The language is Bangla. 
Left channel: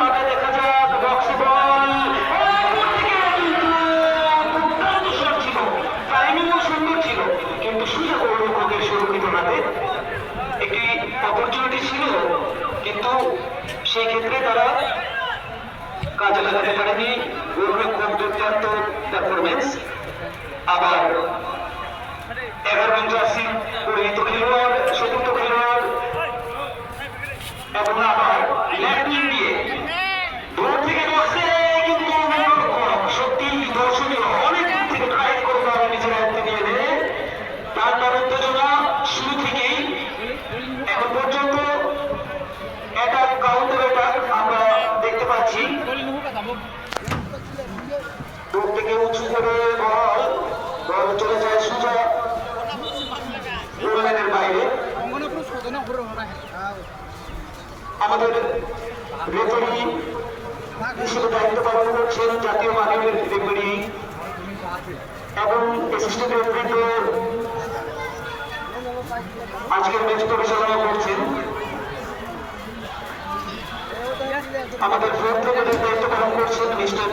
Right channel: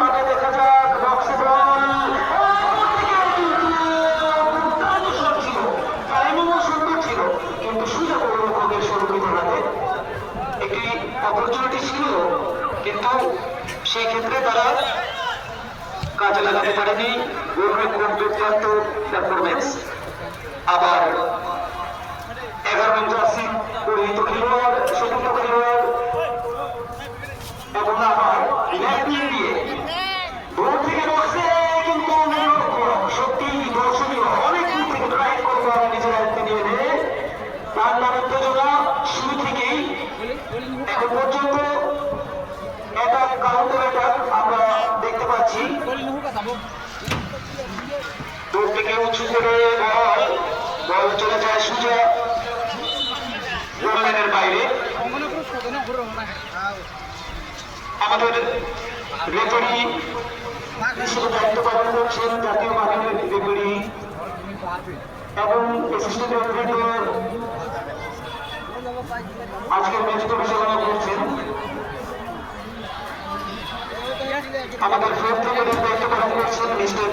ভাবে দেখা যাক বক্স বল ছিল, টাইমিংও সুন্দর ছিল, কিন্তু সুযোগ ওদের সুরক্ষিত হাতে একটি অপরচুনিটি ছিল, কিন্তু সেই ক্ষেত্রে তারা কাজে লাগাতে পারেনি। গৌরব খুব দুর্দান্ত পারফরমেন্স। আবার 11 নং জার্সি পরিহিত খেলোয়াড়, চতুর্থ খেলোয়াড় এবং আবার ল্যাপটিং দিয়ে দূর থেকে বসে, কিন্তু সত্যি দর্শকের অনেক দূর থেকে ট্রাই করে তারা নিজের হাতে নিয়ে নেয়। তার উত্তেজনা শুরু থেকেই এখন পর্যন্ত এটা কাউন্টার অ্যাটাক আমরা দেখতে পাচ্ছি। দূর থেকে উঁচু করে বল চলে যায় সোজা গোললাইনের বাইরে। আমাদের রেফারি হিসেবে দায়িত্ব পালন করছেন জাতীয় বাহিনীর রেফারি এবং অ্যাসিস্ট্যান্ট রেফারিকে আজকের ম্যাচে পরিচালনা করছেন। আমাদের দায়িত্ব পালন করছেন মিস্টার